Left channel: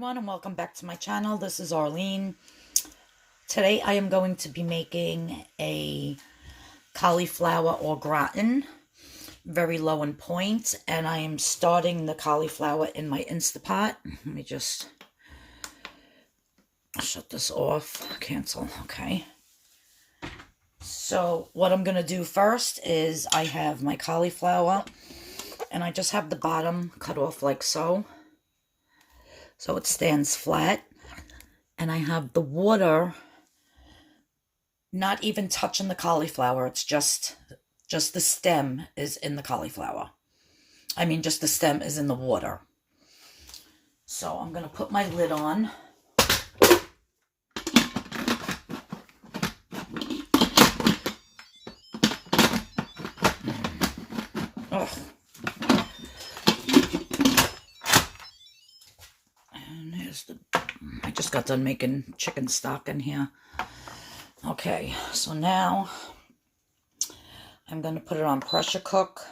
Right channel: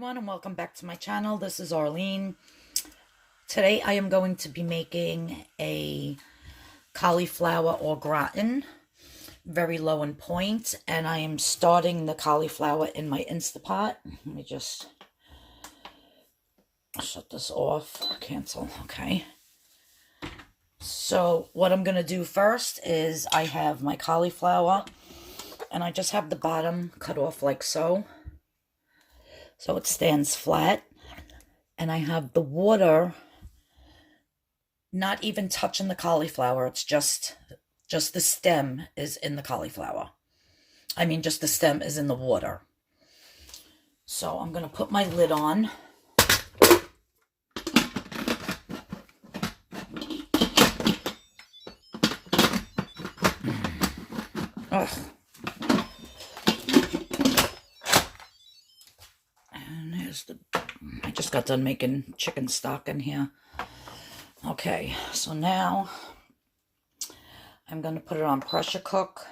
everyone, and welcome back to my channel. This is Arlene. Today I am going to be making a cauliflower au gratin, very low in point, and I am starting the cauliflower in my Instapot. Let me just shut this off, cancel, okay. So what I'm going to do first is I have my cauliflower, and I just have the bottom cut off like so. So it stands flat, and I have the water not even touching the cauliflower. It's just the stem is in the cauliflower. I mean, just the stem is in the water. So I'm going to put my lid on. Oh. I just got done making chicken stock in here. Okay, so now I'm going to put it on pressure cook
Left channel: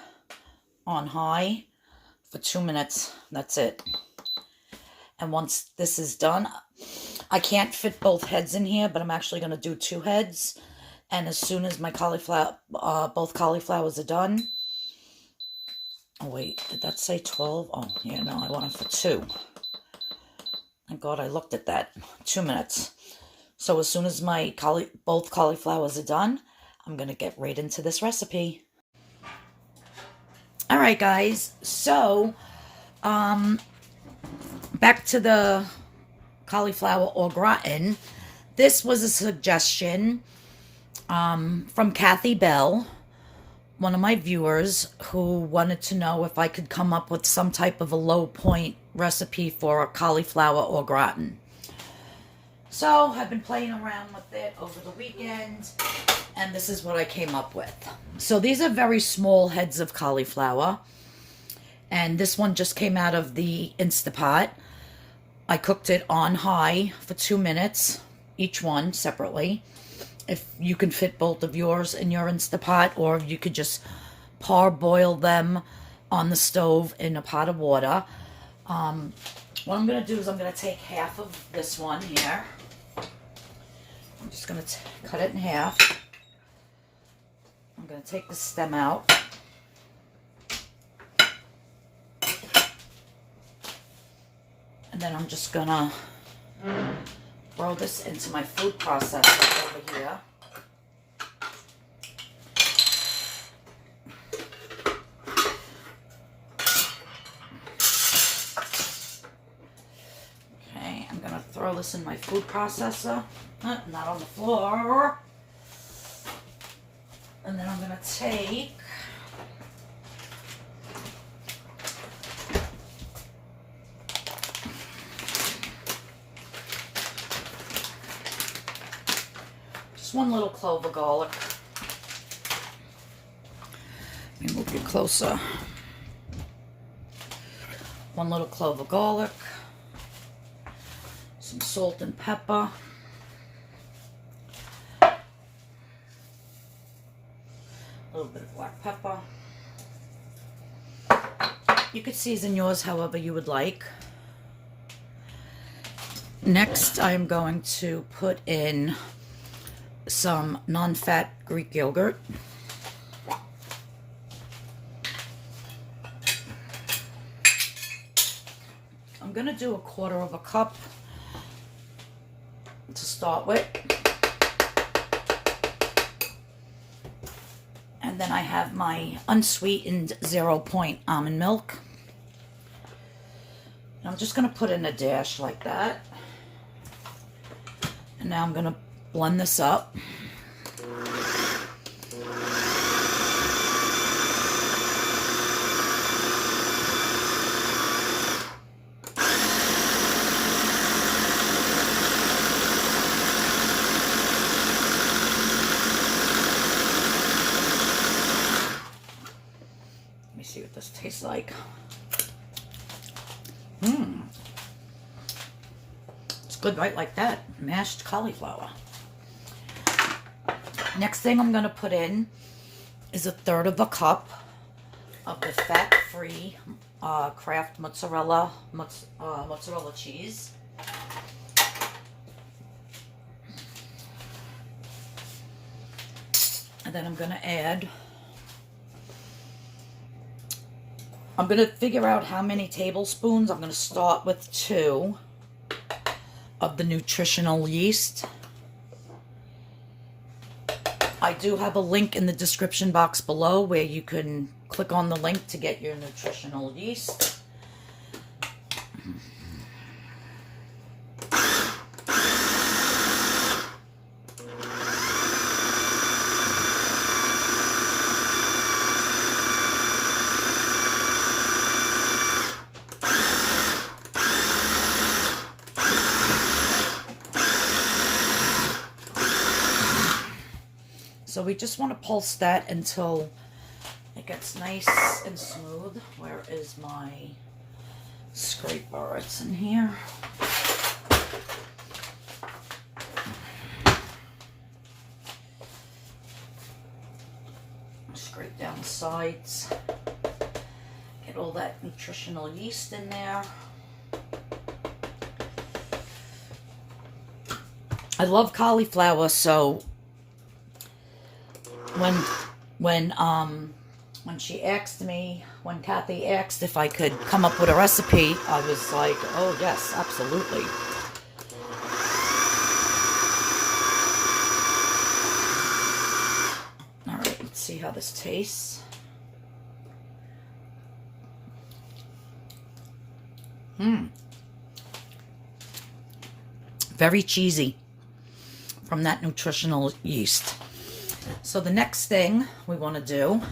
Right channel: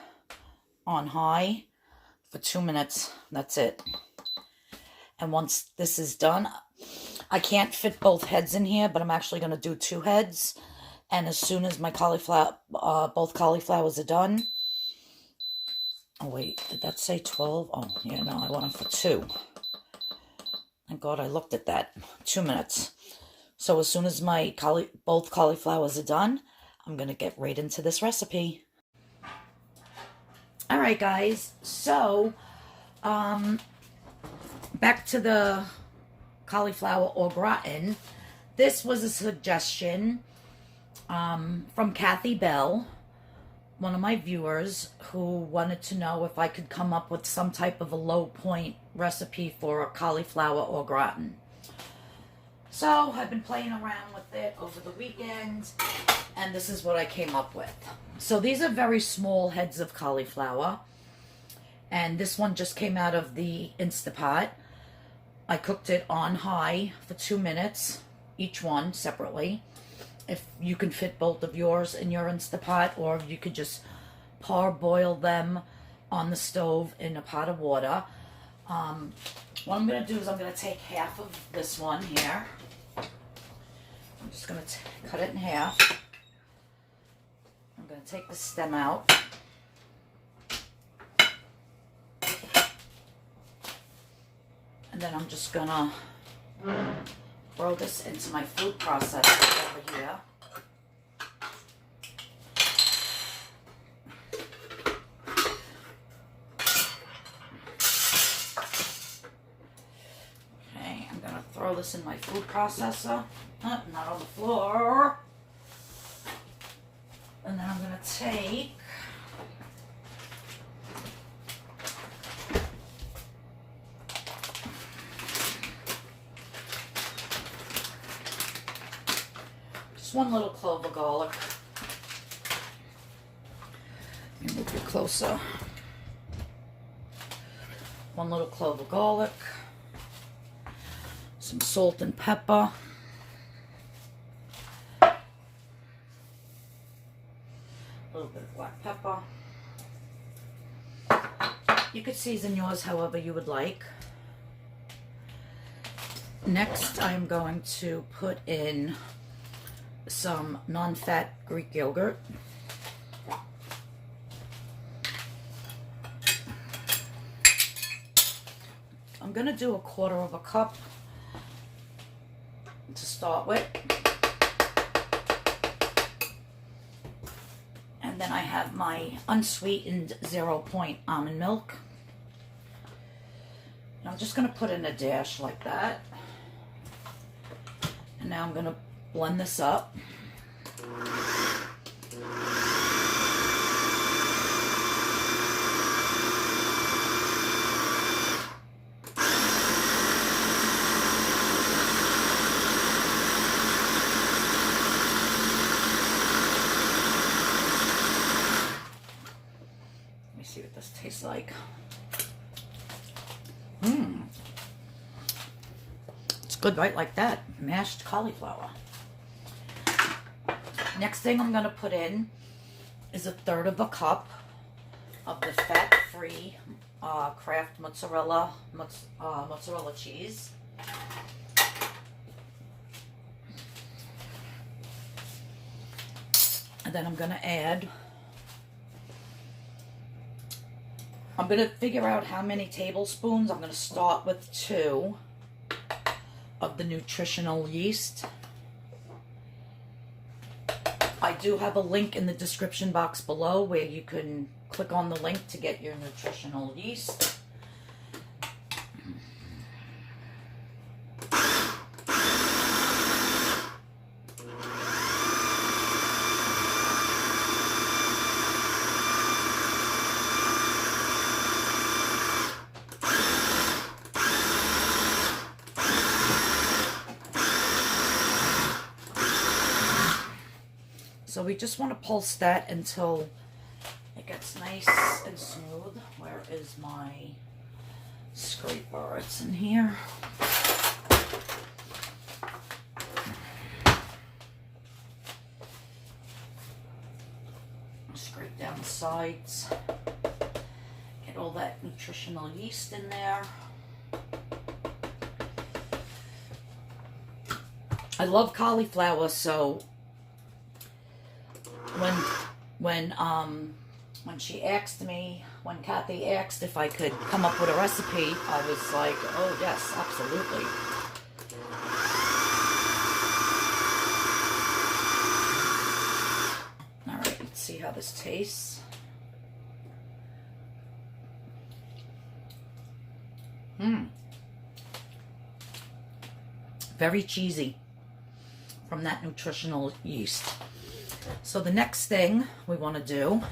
on high for 2 minutes. That's it. And once this is done, I can't fit both heads in here, but I'm actually going to do 2 heads. And as soon as my cauliflower, both cauliflowers are done. Oh wait, did that say 12? Oh yeah, no, I want it for 2. Thank God I looked at that. 2 minutes. So as soon as my both cauliflowers are done, I'm going to get right into this recipe. Alright guys, so back to the cauliflower au gratin. This was a suggestion from Kathy Bell, one of my viewers, who wanted to know if I could come up with some type of a low point recipe for a cauliflower au gratin. So I've been playing around with it over the weekend, and this is what I came up with. So these are very small heads of cauliflower, and this one just came out of the Instapot. I cooked it on high for 2 minutes, each one separately. If you can fit both of yours in your Instapot, or if you could just parboil them on the stove in a pot of water. What I'm going to do is I'm going to take half of this one here. I'm just going to cut it in half. I'm going to take the stem out. And then I'm just going to throw this into my food processor over here. Okay, I'm going to throw this in my food processor. Not on the floor. And then I'm going to take just 1 little clove of garlic. Let me move you closer. 1 little clove of garlic. Some salt and pepper. A little bit of black pepper. You could season yours however you would like. Next, I'm going to put in some non-fat Greek yogurt. I'm going to do 1/4 cup to start with. And then I have my unsweetened 0-point almond milk. And I'm just going to put in a dash like that. And now I'm going to blend this up. Let me see what this tastes like. It's good right like that. Mashed cauliflower. Next thing I'm going to put in is 1/3 cup of the fat-free kraft mozzarella cheese. And then I'm going to add, I'm going to figure out how many tablespoons. I'm going to start with 2 of the nutritional yeast. I do have a link in the description box below where you can click on the link to get your nutritional yeast. So we just want to pulse that until it gets nice and smooth. Where is my scraper? It's in here. Scrape down the sides. Get all that nutritional yeast in there. I love cauliflower, so when she asked me, when Kathy asked if I could come up with a recipe, I was like, oh yes, absolutely. All right, let's see how this tastes. Very cheesy from that nutritional yeast. So the next thing we want to do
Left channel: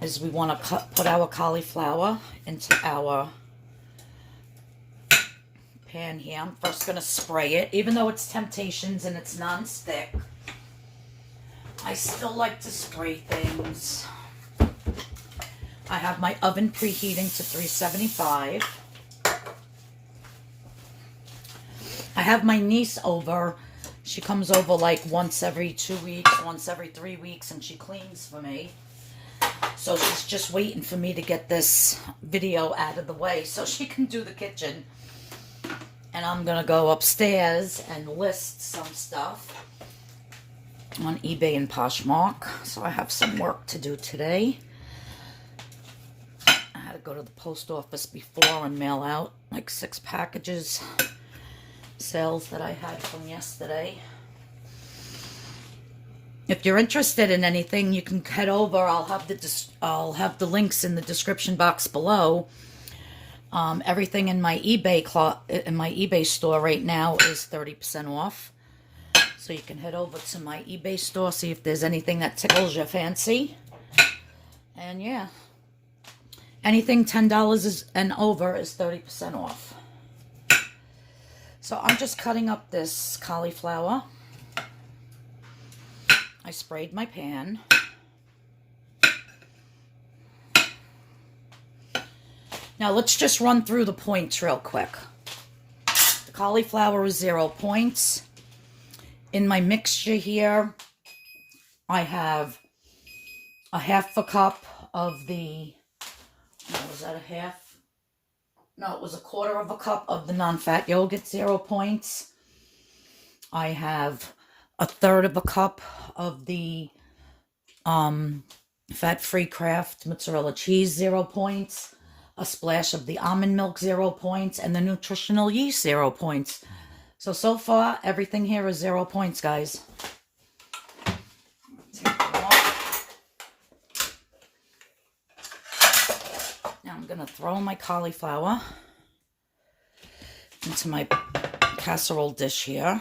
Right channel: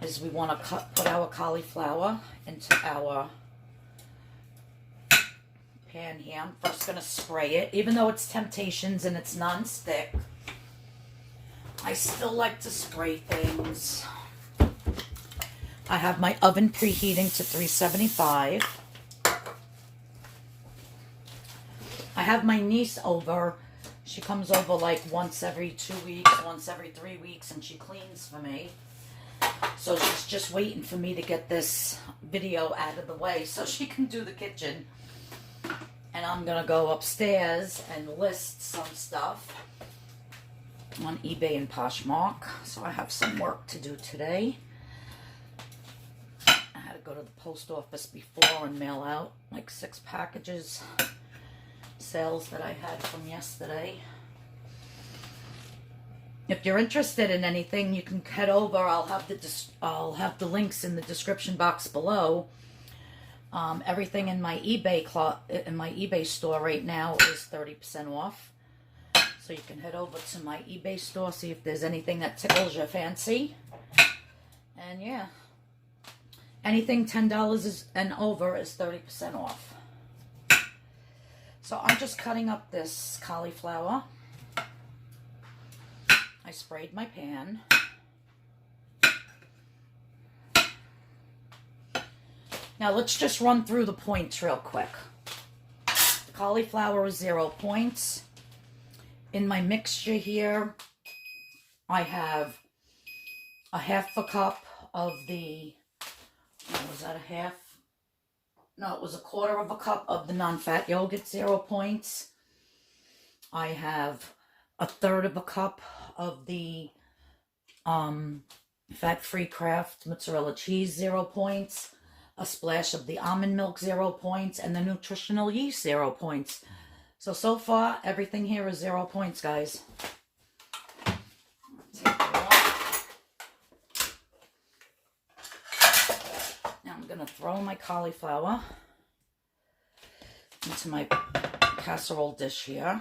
is we want to put our cauliflower into our pan here. I'm first going to spray it. Even though it's Temptations and it's non-stick, I still like to spray things. I have my oven preheating to 375. I have my niece over. She comes over like once every 2 weeks, once every 3 weeks, and she cleans for me. So she's just waiting for me to get this video out of the way so she can do the kitchen. And I'm going to go upstairs and list some stuff on eBay and Poshmark. So I have some work to do today. I had to go to the post office before and mail out like 6 packages. Sales that I had from yesterday. If you're interested in anything, you can head over. I'll have the links in the description box below. Everything in my eBay store right now is 30% off. So you can head over to my eBay store, see if there's anything that tickles your fancy. And yeah, anything $10 and over is 30% off. So I'm just cutting up this cauliflower. I sprayed my pan. Now let's just run through the points real quick. The cauliflower is 0 points. In my mixture here, I have a half a cup of the, was that a half? No, it was a quarter of a cup of the non-fat yogurt, 0 points. I have a third of a cup of the fat-free Kraft mozzarella cheese, 0 points. A splash of the almond milk, 0 points. And the nutritional yeast, 0 points. So far, everything here is 0 points, guys. Take them off. Now I'm going to throw my cauliflower into my casserole dish here.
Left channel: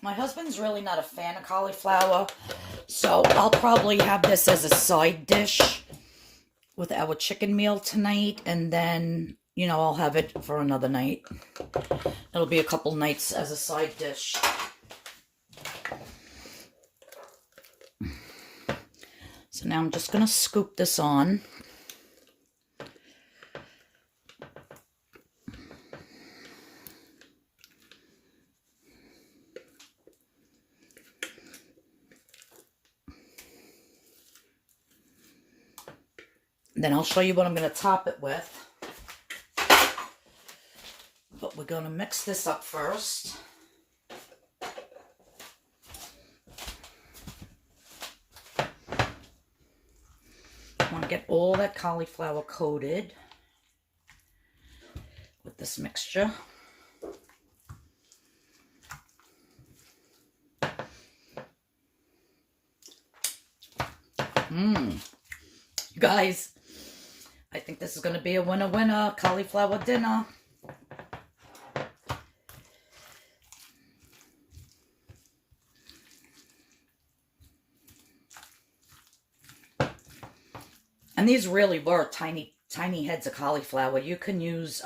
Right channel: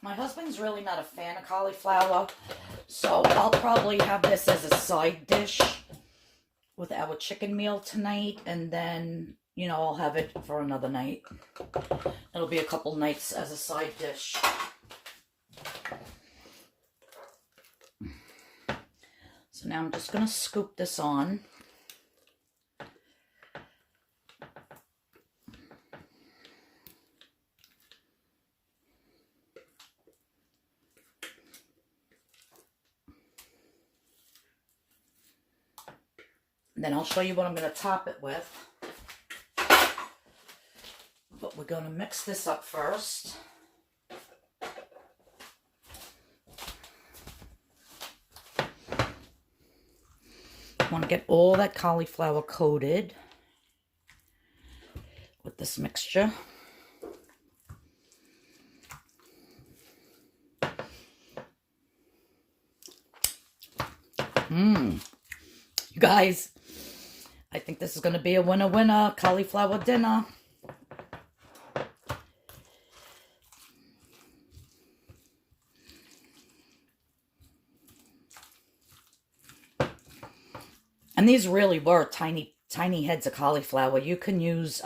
My husband's really not a fan of cauliflower, so I'll probably have this as a side dish with our chicken meal tonight, and then, you know, I'll have it for another night. It'll be a couple nights as a side dish. So now I'm just going to scoop this on. Then I'll show you what I'm going to top it with. But we're going to mix this up first. I want to get all that cauliflower coated with this mixture. You guys, I think this is going to be a winner cauliflower dinner. And these really were tiny heads of cauliflower. You can use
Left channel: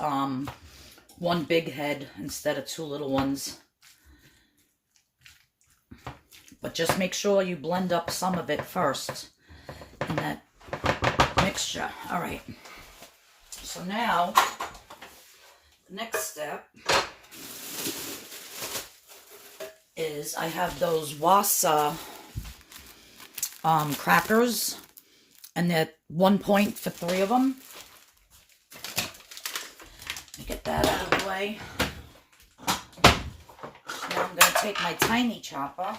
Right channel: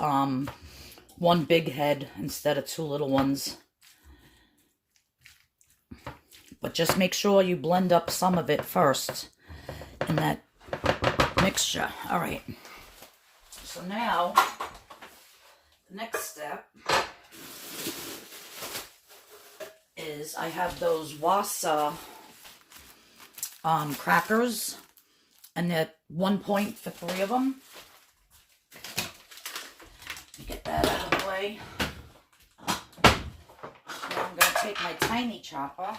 one big head instead of two little ones. But just make sure you blend up some of it first in that mixture. All right. So now, the next step is I have those wasa crackers. And they're 1 point for 3 of them. Let me get that out of the way. Now I'm going to take my tiny chopper.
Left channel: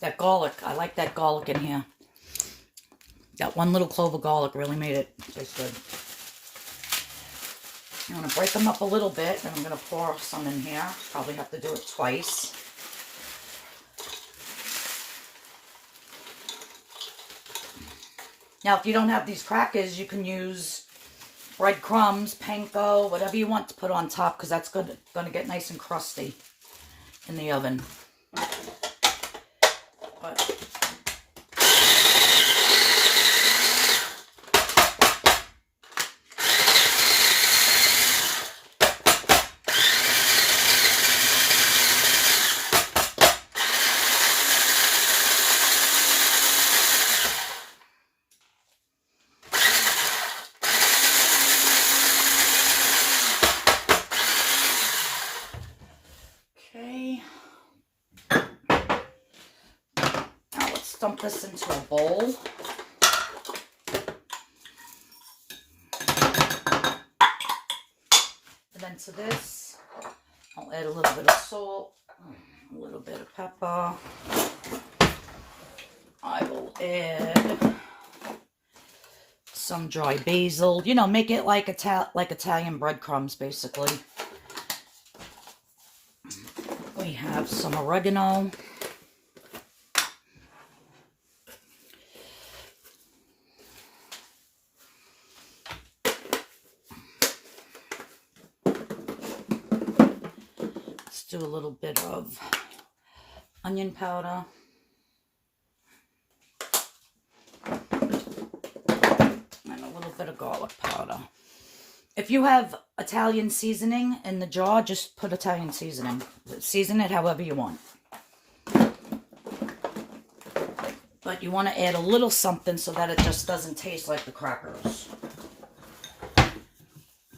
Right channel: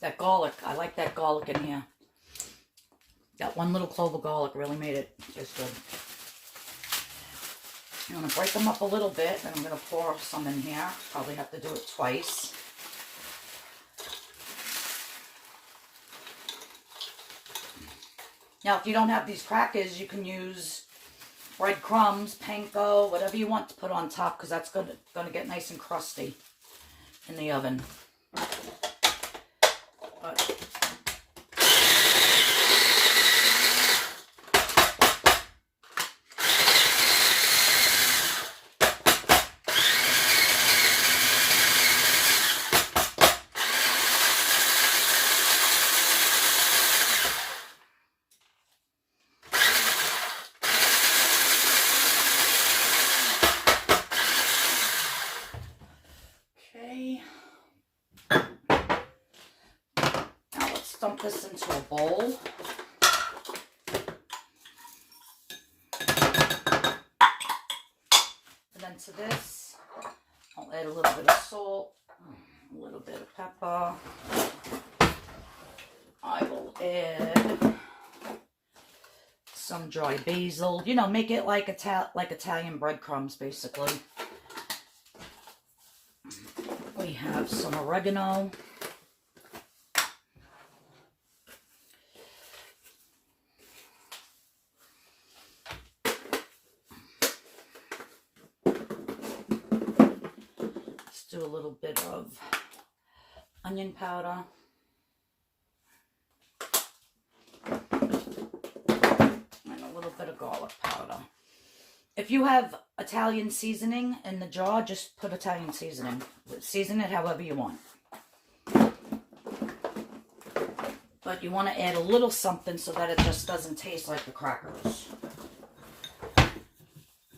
That garlic, I like that garlic in here. That one little clove of garlic really made it taste good. I'm going to break them up a little bit, and I'm going to pour some in here. Probably have to do it twice. Now, if you don't have these crackers, you can use breadcrumbs, panko, whatever you want to put on top, because that's going to get nice and crusty in the oven. Dump this into a bowl. And then to this, I'll add a little bit of salt, a little bit of pepper. I will add some dry basil. You know, make it like Italian breadcrumbs, basically. We have some oregano. Do a little bit of onion powder. And a little bit of garlic powder. If you have Italian seasoning in the jar, just put Italian seasoning. Season it however you want. But you want to add a little something so that it just doesn't taste like the crackers.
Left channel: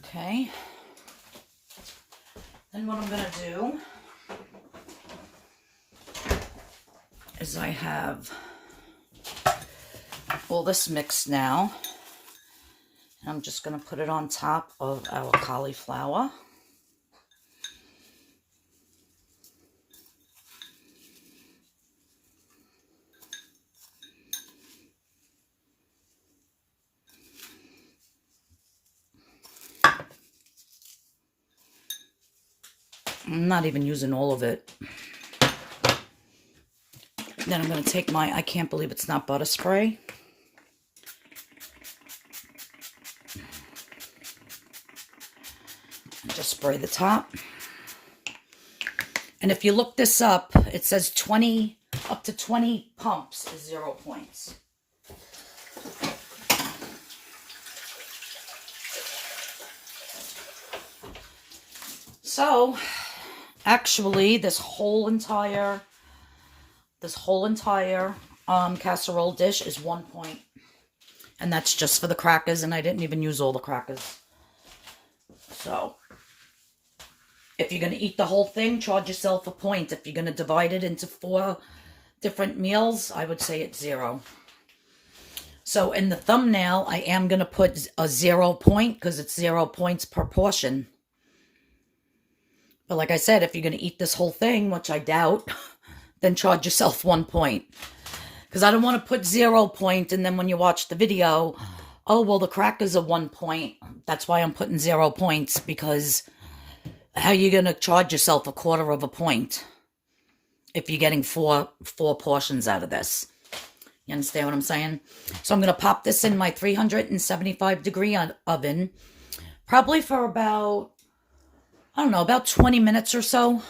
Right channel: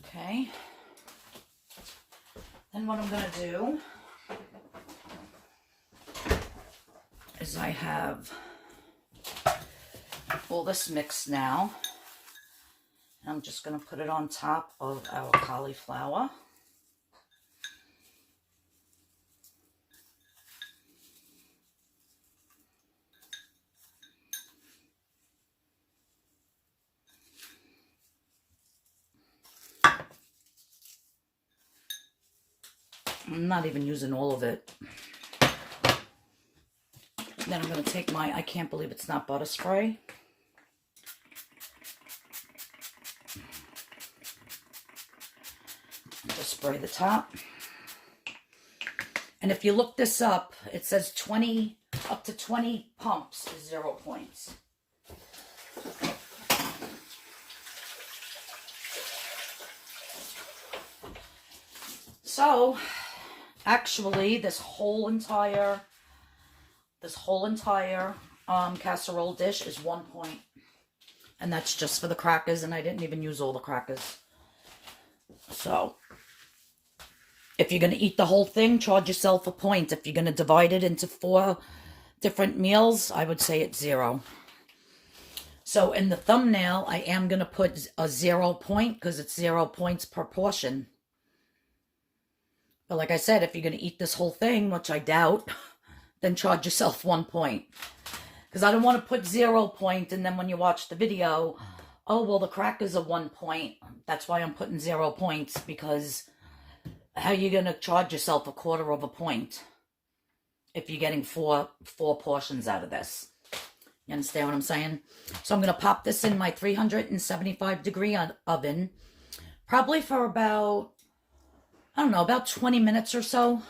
Okay. Then what I'm going to do is I have all this mixed now. And I'm just going to put it on top of our cauliflower. I'm not even using all of it. Then I'm going to take my, I can't believe it's not butter spray. And just spray the top. And if you look this up, it says up to 20 pumps is 0 points. So, actually, this whole entire This whole entire casserole dish is 1 point. And that's just for the crackers, and I didn't even use all the crackers. So, if you're going to eat the whole thing, charge yourself a point. If you're going to divide it into 4 different meals, I would say it's 0. So, in the thumbnail, I am going to put a 0 point because it's 0 points per portion. But like I said, if you're going to eat this whole thing, which I doubt, then charge yourself 1 point. Because I don't want to put 0 point, and then when you watch the video, oh, well, the crackers are 1 point. That's why I'm putting 0 points, because how are you going to charge yourself 1/4 of a point if you're getting four portions out of this? You understand what I'm saying? So I'm going to pop this in my 375-degree oven, probably for about, I don't know, about 20 minutes or so.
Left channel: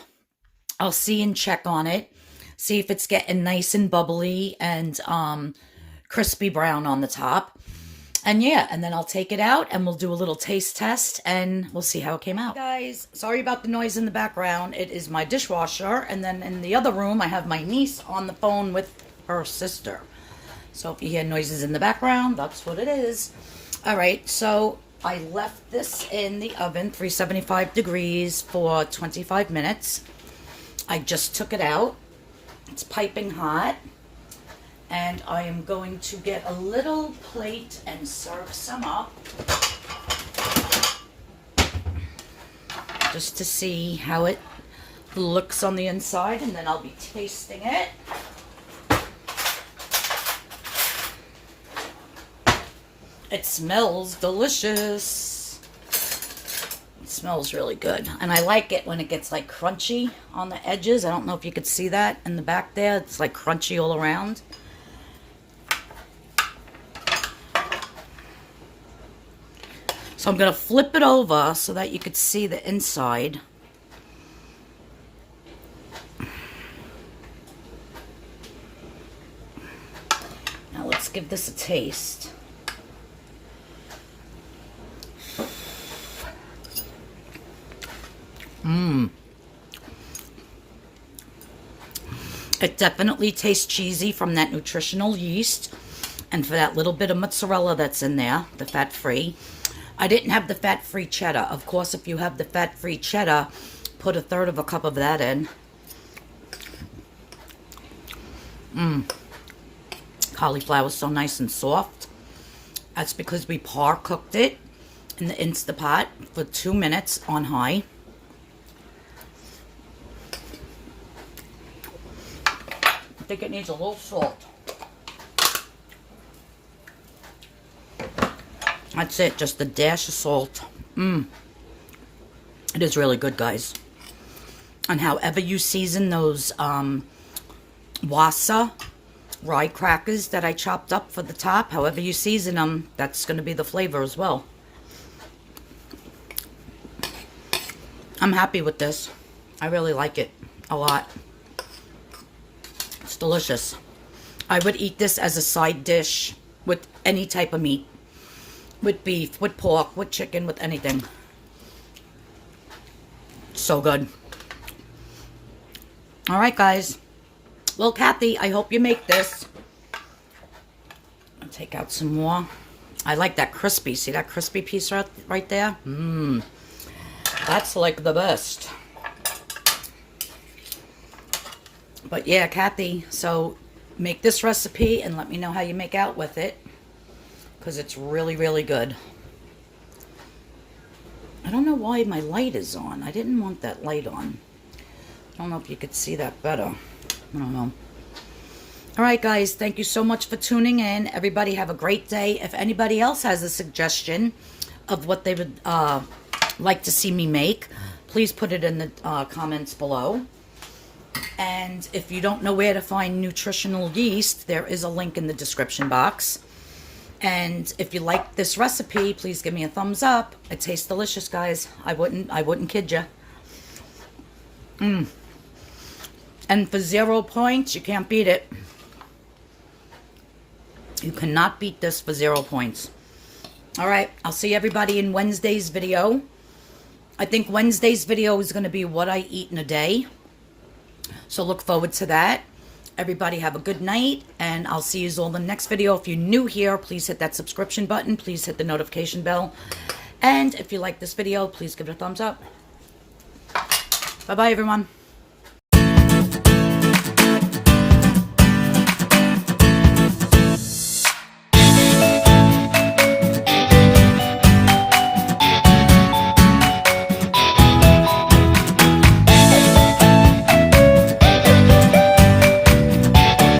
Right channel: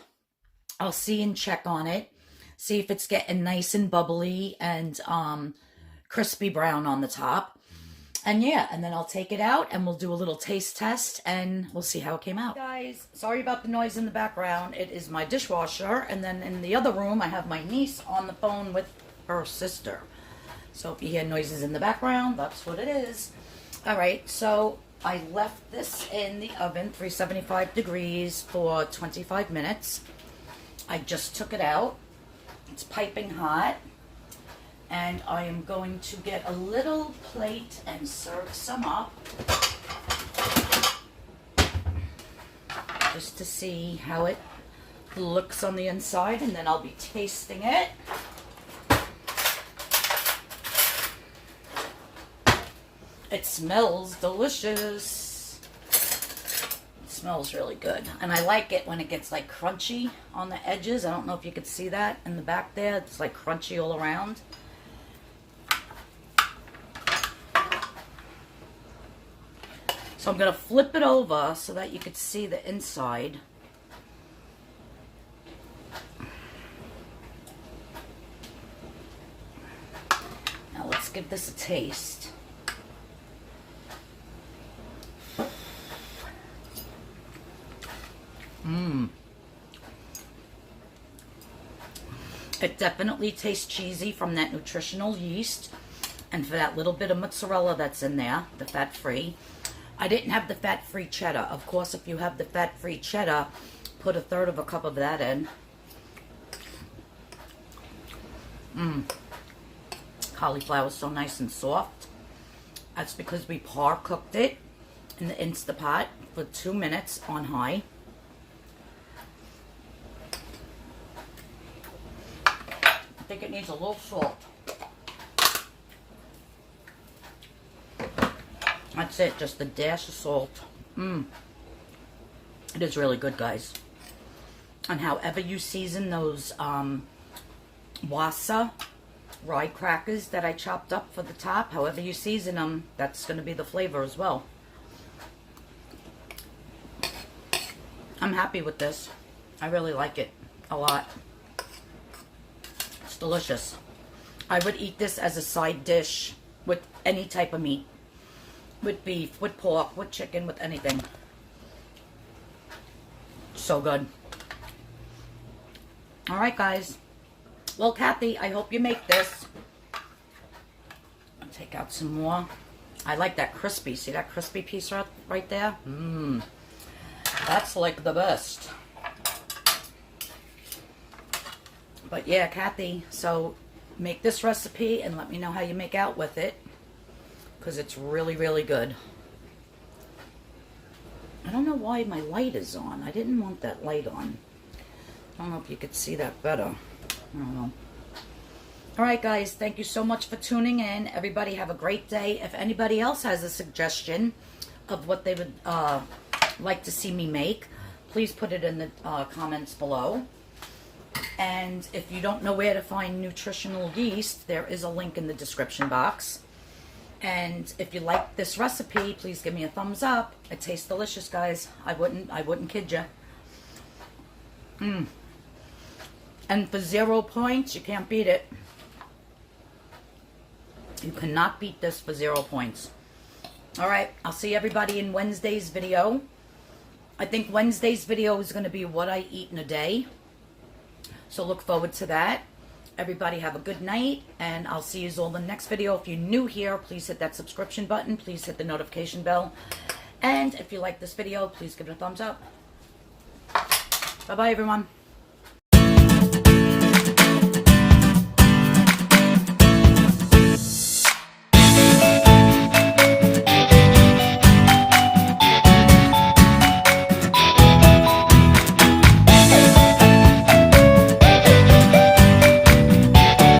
I'll see and check on it. See if it's getting nice and bubbly and crispy brown on the top. And yeah, and then I'll take it out and we'll do a little taste test and we'll see how it came out. Guys, sorry about the noise in the background. It is my dishwasher. And then in the other room, I have my niece on the phone with her sister. So if you hear noises in the background, that's what it is. All right, so I left this in the oven, 375 degrees for 25 minutes. I just took it out. It's piping hot, and I am going to get a little plate and serve some up, just to see how it looks on the inside, and then I'll be tasting it. It smells delicious. Smells really good, and I like it when it gets like crunchy on the edges. I don't know if you could see that in the back there. It's like crunchy all around. So I'm going to flip it over so that you could see the inside. Now let's give this a taste. It definitely tastes cheesy from that nutritional yeast and for that little bit of mozzarella that's in there, the fat-free. I didn't have the fat-free cheddar. Of course, if you have the fat-free cheddar, put 1/3 cup of that in. Cauliflower is so nice and soft. That's because we par cooked it in the Instapot for 2 minutes on high. I think it needs a little salt. That's it, just a dash of salt. It is really good, guys. And however you season those wasa rye crackers that I chopped up for the top, however you season them, that's going to be the flavor as well. I'm happy with this. I really like it a lot. It's delicious. I would eat this as a side dish with any type of meat. With beef, with pork, with chicken, with anything. So good. Alright, guys. Well, Kathy, I hope you make this. I'll take out some more. I like that crispy. See that crispy piece right there? That's like the best. But yeah, Kathy, so make this recipe and let me know how you make out with it, because it's really, really good. I don't know why my light is on. I didn't want that light on. I don't know if you could see that better. I don't know. All right, guys, thank you so much for tuning in. Everybody have a great day. If anybody else has a suggestion of what they would like to see me make, please put it in the comments below. And if you don't know where to find nutritional yeast, there is a link in the description box. And if you like this recipe, please give me a thumbs up. It tastes delicious, guys. I wouldn't kid you. And for 0 points, you can't beat it. You cannot beat this for 0 points. All right, I'll see everybody in Wednesday's video. I think Wednesday's video is going to be what I eat in a day. So look forward to that. Everybody have a good night, and I'll see you all in the next video. If you're new here, please hit that subscription button. Please hit the notification bell. And if you like this video, please give it a thumbs up. Bye-bye, everyone.